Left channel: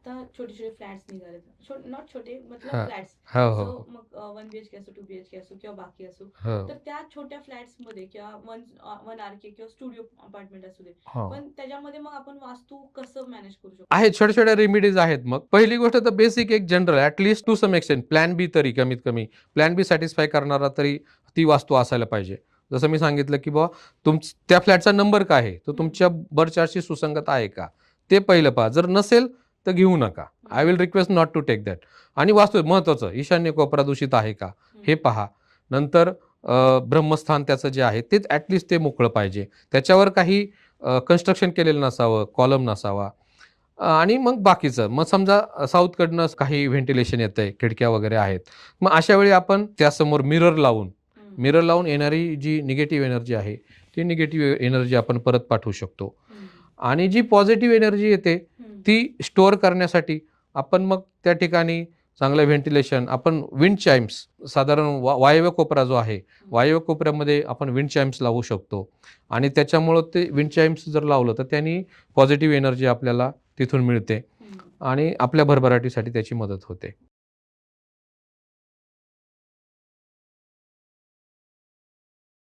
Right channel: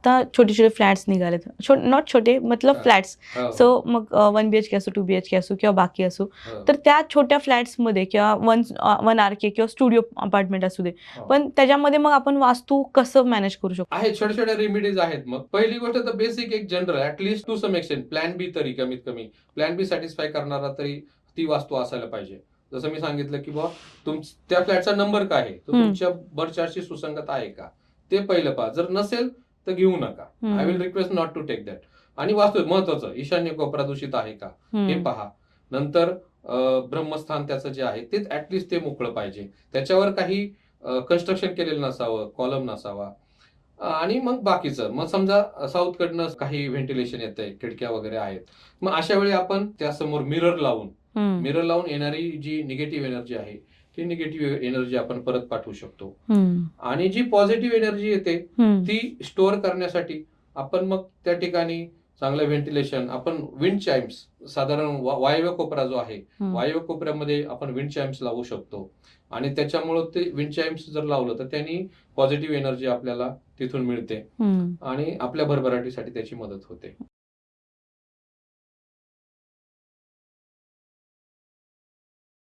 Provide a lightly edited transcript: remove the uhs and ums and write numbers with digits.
आता छोटे छोटे फ्लॅट्स निघालेत, नॉट छोटे मतलब हां. फ्लॅट्स. हो, सो हो. मग 1 BHK असो, 2 BHK असो किंवा बाकी असो. हो. तर त्या छोट्या फ्लॅट्समध्ये किंवा 1 RK किंवा स्टुडिओ अपार्टमेंट असू दे. हो. पण त्याच्यामध्ये मग आपण वास्तू कसं मॅनेज करू शकतो? आहेत छोट्या-छोट्या रेमेडीज आहेत मग. पहिली गोष्ट तर बेसिक एक general at least to some extent plan B तरी कमीत कमी. प्लॅन बी सॅटिस्फाय करणारा तरी ती वास्तू असायला पाहिजे. जसं मी सांगितलं, की बुवा त्या फ्लॅटचा नंबर काय आहे? तो हं, तुमच्या बर्थ चार्टशी सुसंगत आहे का? ते पहिलं पहा. जर नसेल तर घेऊ नका. I will hmm, request not to take that. आणि वास्तू महत्त्वाचं ईशान्य कोपरा दूषित आहे का? हे हं, पहा. नंतर ब्रह्मस्थान त्याचं जे आहे तेच ॲट लीस्ट ते मोकळं पाहिजे. त्याच्यावर काही कन्स्ट्रक्शन केलेलं नसावं, कॉलम नसावा. आणि मग बाकीचं. मग समजा साऊथकडनं काही व्हेंटिलेशन येतंय, खिडक्या वगैरे आहेत. मग अशा वेळी आपण त्यासमोर हं, मिरर लावून येणारी जी निगेटिव्ह एनर्जी आहे, ती निगेटिव्ह एनर्जी आपण परत पाठवू शकतो. हं, आणि जी पॉझिटिव्ह एनर्जी येते, हं, ती स्टोअर करण्यासाठी आपण मग त्या ठिकाणी चांगलं व्हेंटिलेशन आपण विंड चाइम्स साधारण वायव्य कोपरा जो आहे, हं, वायव्य कोपऱ्यामध्ये आपण विंड चाइम्स लावू शकतो. आणि त्याच्यामुळं ते विंड चाइम्स जर लावलं, तर त्यांनी पॉझिटिव्ह एनर्जी आपल्याला तिथून मिळते हं. आणि आपल्या भरभराटीसाठी त्याची मदत होते.